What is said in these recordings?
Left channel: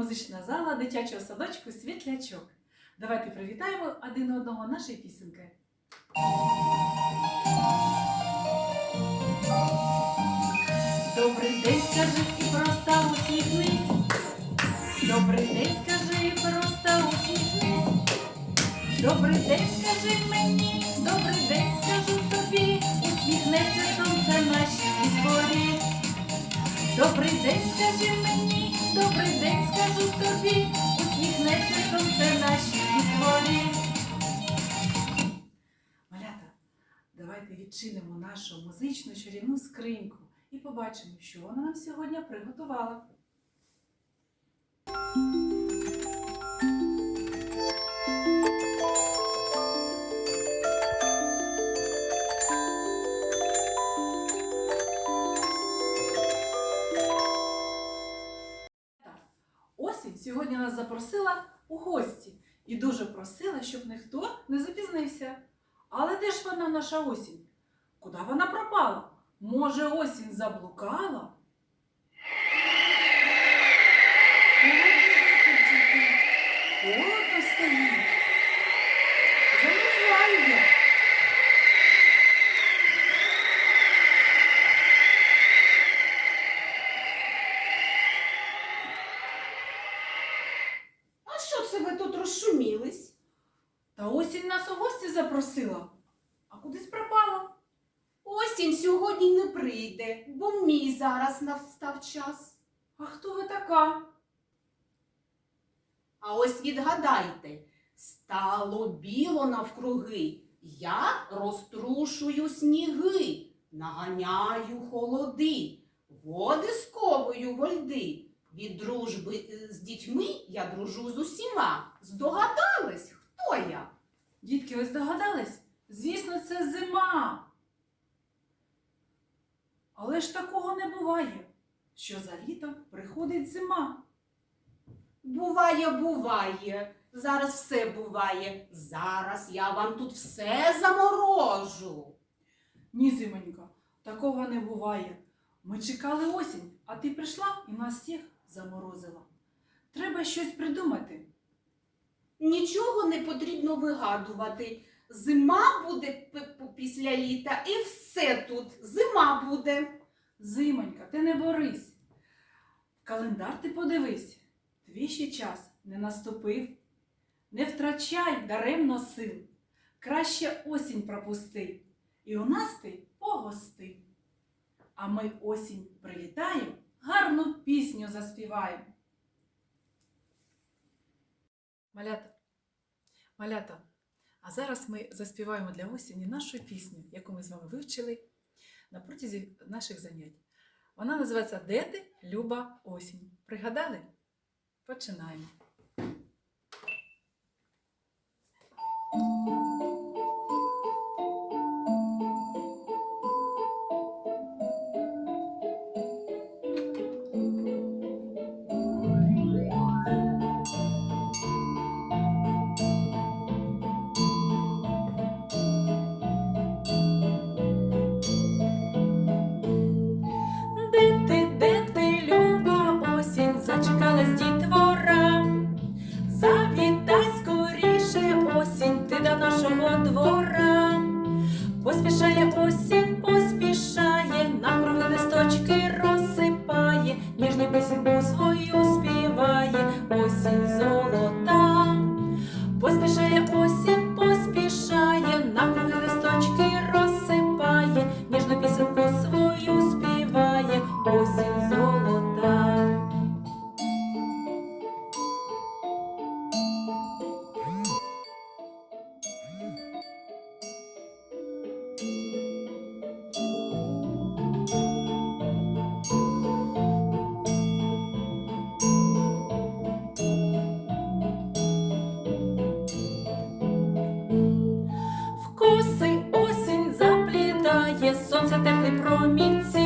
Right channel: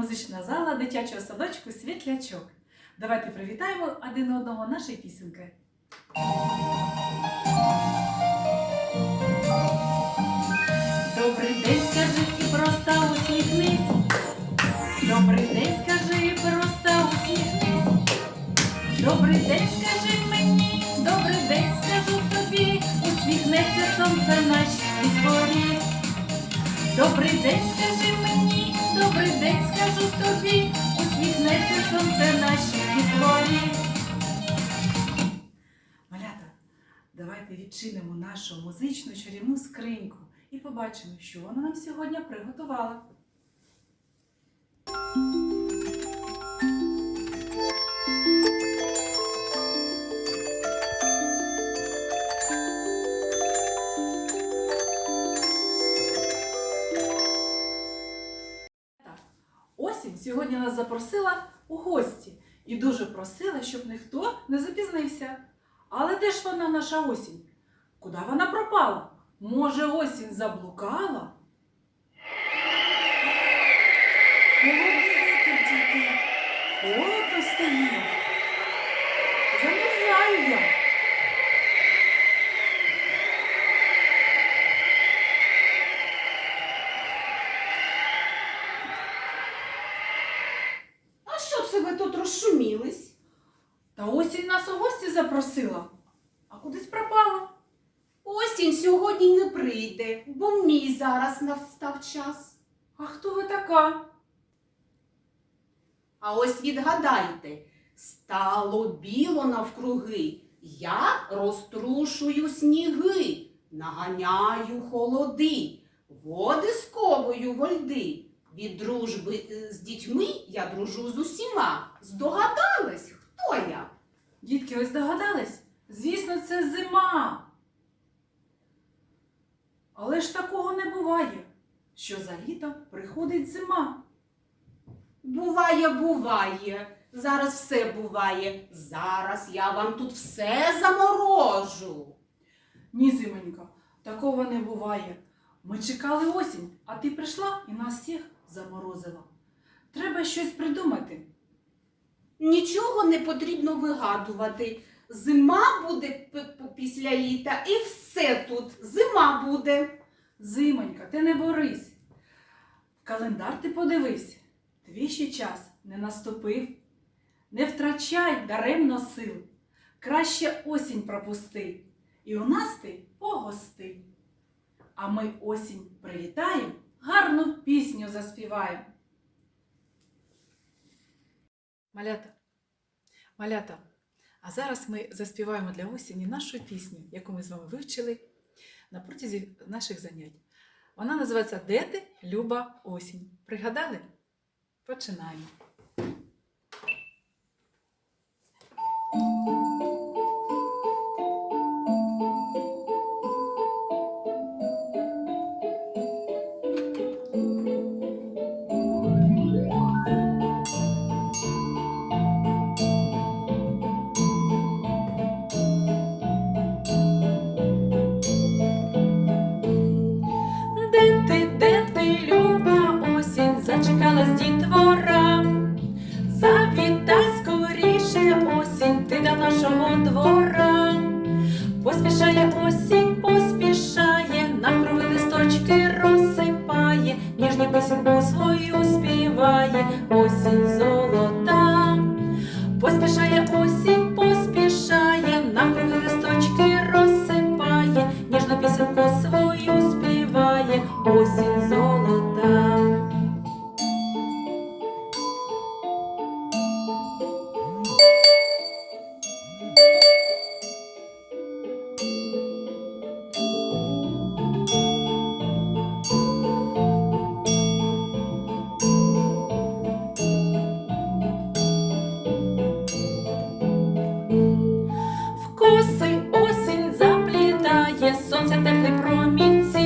музична зала дитячого садочку Світлячок. Давайте привітаємо один одного нашою пісенькою. Добрий день, скажи і просто усміхнись. Добрий день, скажи і просто усміхнись. Добрий день, скажи мені, добрий день, скажу тобі, усміхнеться сонце нашій дворі. Добрий день, скажи мені, добрий день, скажу тобі, усміхнеться сонце наші дворі. Малята, давайте відчинимо нашу музичну чарівну скриньку і побачимо, що вона нам сьогодні приготувала. Запросила у гості і дуже просила, щоб ніхто не запізнився. Але де ж вона, наша осінь? Куди вона пропала? Може, осінь заблукала? Холодний вітер тільки. Холодно стає. Замерзаю я. А що це ви тут розшумілись? Та осінь нас у гості запросила, а кудись пропала. Осінь сьогодні не прийде, бо мій зараз настав час. А хто ви така? А ось відгадайте, стало біло навкруги, я розтрушую сніги, наганяю холоди, води сковую во льди. Від дружби е, з дітьми я дружу з усіма. Здогадались, хто я? Дітки, ви здогадались? Звісно, це зима. Але ж такого не буває, що за літо приходить зима. Буває, буває. Зараз все буває. Зараз я вам тут все заморожу. Ні, зимонька, такого не буває. Ми чекали осінь, а ти прийшла і нас всіх заморозила. Треба щось придумати. Нічого не потрібно вигадувати. Зима буде після літа, і все тут. Зима буде. Зимонька, ти не борись. Календар ти подивись. Твій ще час не наступив. Не втрачай даремно сил. Краще осінь пропусти. І у нас ти погости. А ми осінь привітаємо, гарну пісню заспіваємо. Малята, малята, а зараз ми заспіваємо для осені нашу пісню, яку ми з вами вивчили на протязі наших занять. Вона називається Де ти, Люба осінь. Пригадали? Починаємо. Нашого двора. Поспішає осінь, поспішає, навкруги листочки розсипає, ніжну пісеньку свою співає, осінь золота. Поспішає осінь, поспішає, навкруги листочки розсипає, ніжну пісеньку свою співає, осінь золота. Заплітає, сонце теплий промінці,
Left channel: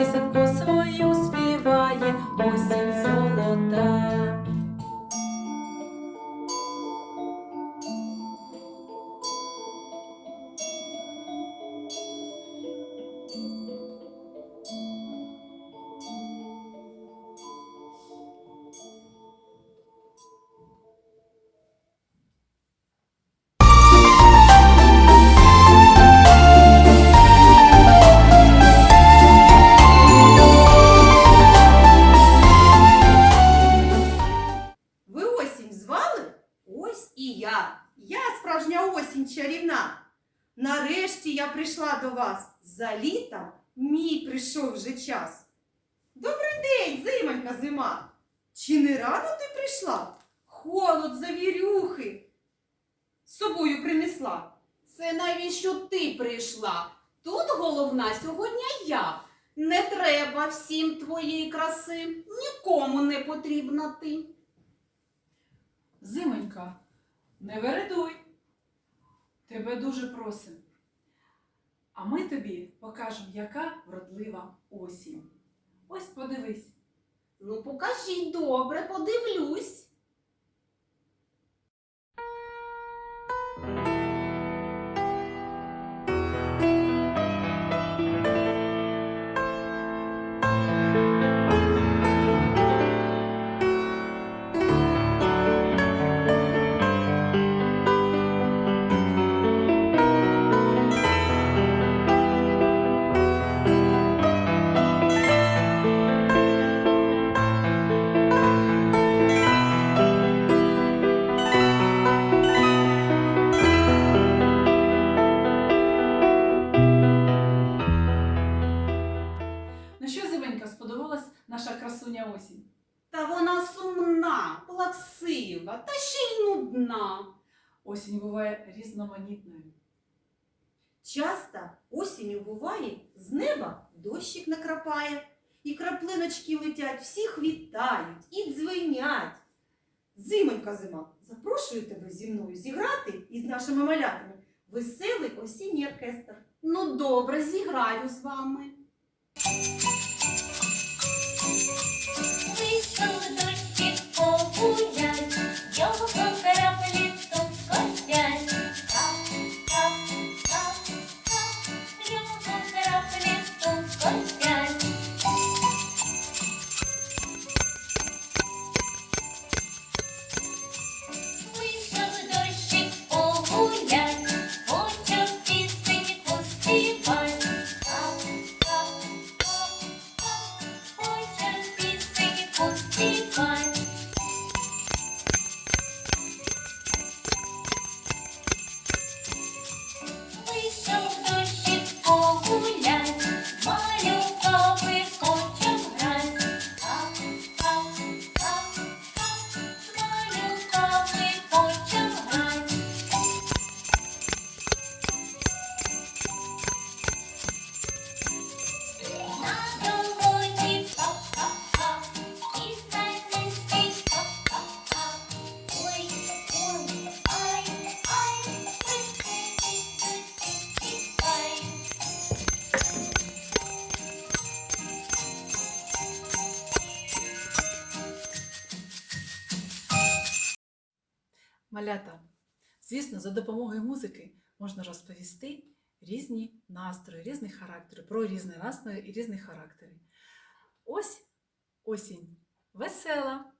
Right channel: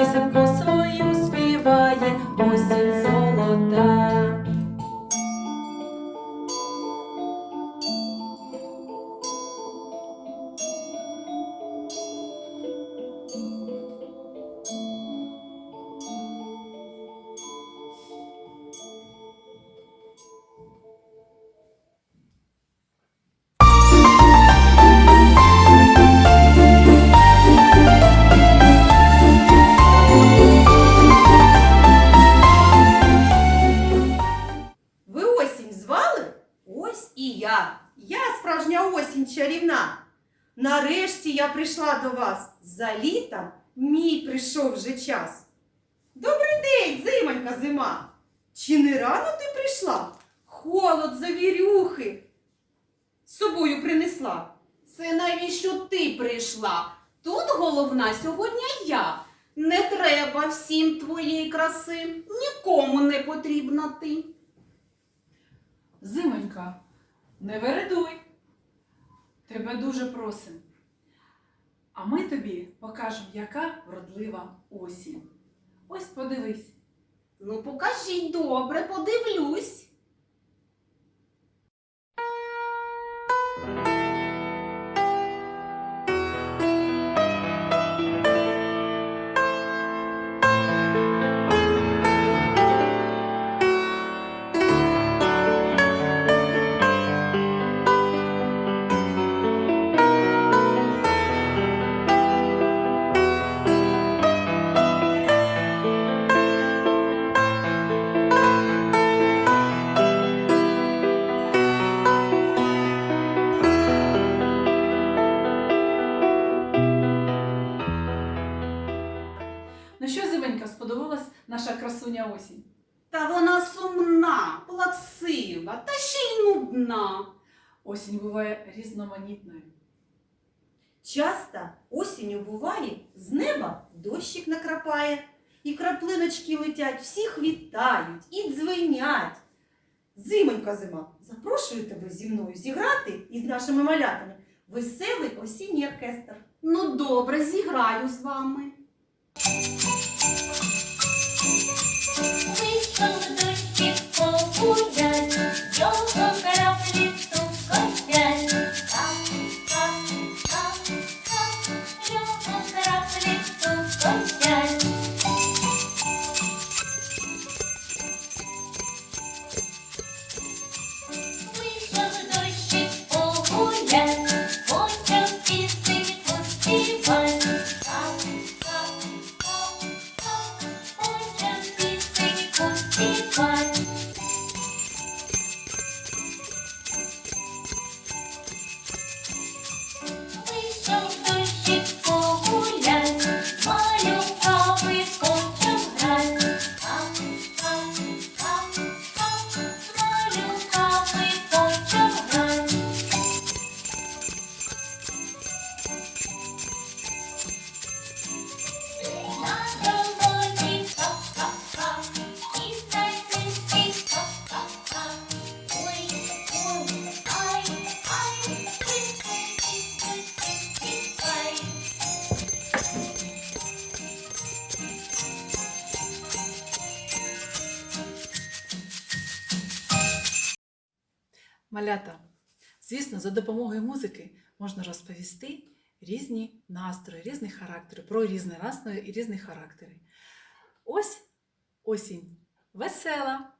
ніжну до вас. За літом мій прийшов вже час. Добрий день, зимонька зима. Чи не рано ти прийшла? Холод завірюхи. З собою принесла. Це навіщо ти прийшла? Тут головна сьогодні я. Не треба всім твоєї краси, нікому не потрібна ти. Зимонька, не вередуй. Тебе дуже просим. А ми тобі покажемо, яка вродлива осінь. Ось подивись. Ну, покажіть добре, подивлюсь. Осінь буває різноманітною. Часто осінню буває, з неба дощик накрапає, і краплиночки летять, всіх вітають і дзвенять. Зимонька зима, запрошую тебе зі мною зіграти із нашими малятами веселий осінній оркестр. Ну, добре, зіграю з вами. Малята, звісно, за допомогою музики можна розповісти різні настрої, різні характери, про різні настрої і різні характери. Ось осінь весела.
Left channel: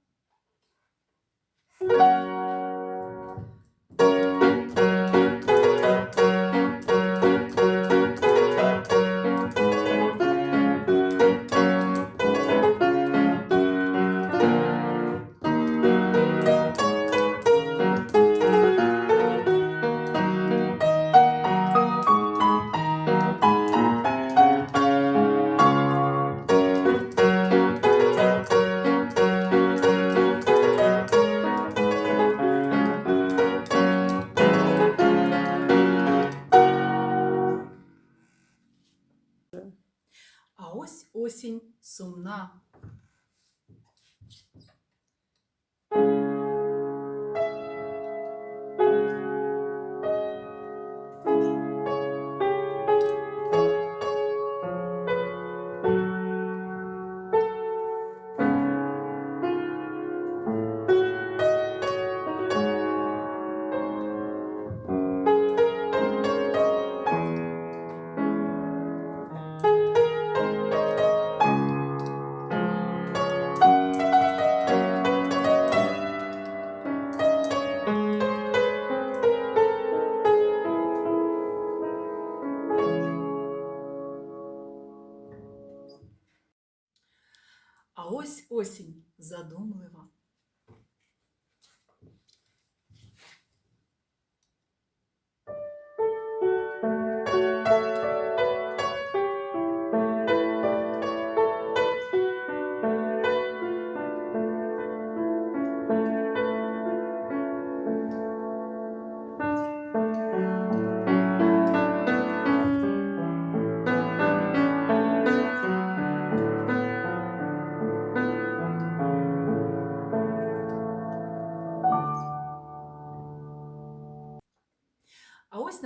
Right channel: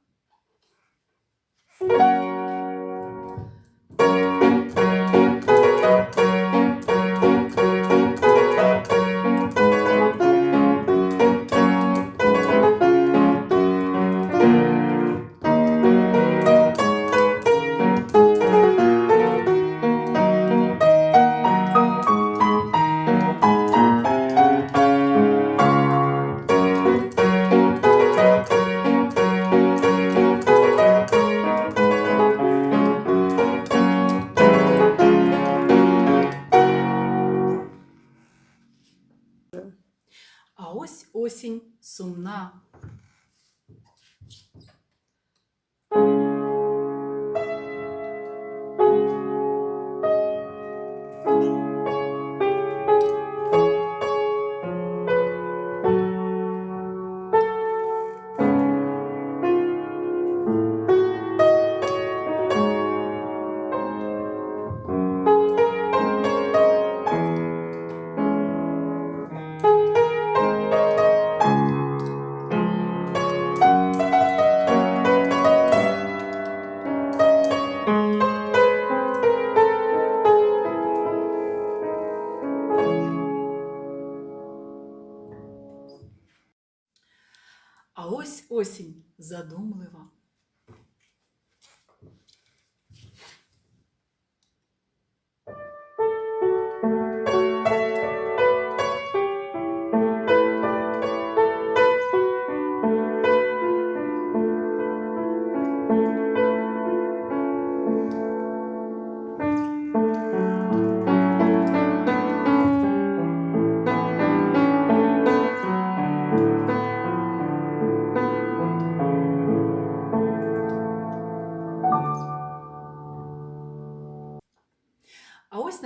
Ось осінь сумна.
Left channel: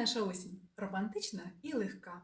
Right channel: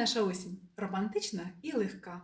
Наша осінь романтична і легка.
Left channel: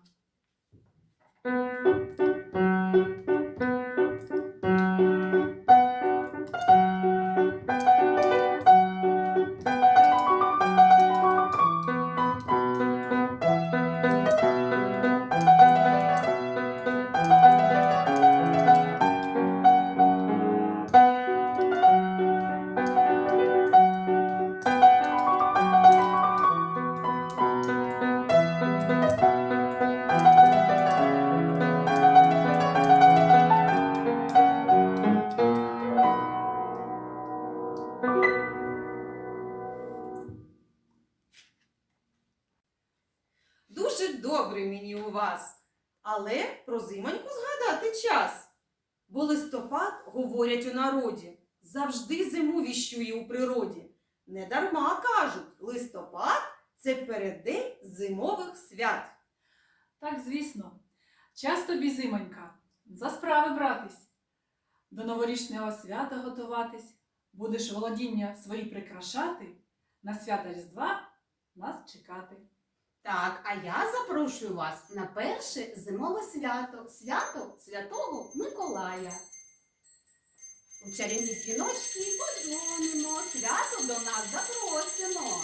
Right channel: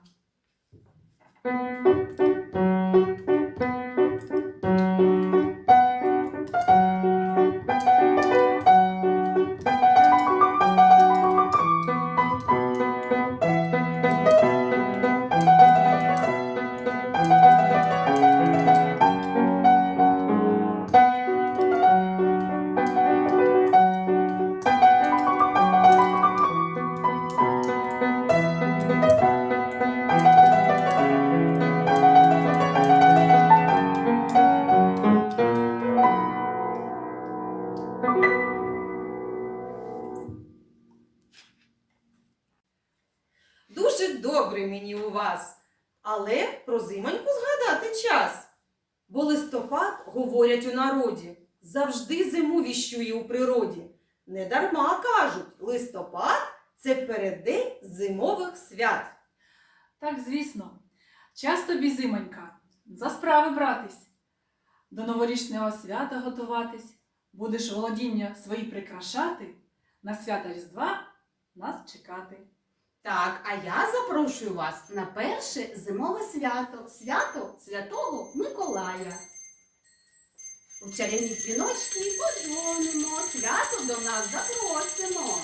Дуже добре мені у вас, але про зимоньку згадати час. Бо листопад, говорять у народі, завжди зиму віщує у природі. Недарма кажуть, листопад це переддень зимових свят. Так, звісно, час тобі зимонька, за справи братись, до новорічного свята готуватись, будеш володіння свої прикрашати, на свята Різдва нас чекати. Так, а я запрошую вас на перше зимове свято свято Святого Миколая. У чарівні дзвіночки подзвонимо, свято до нас запросимо.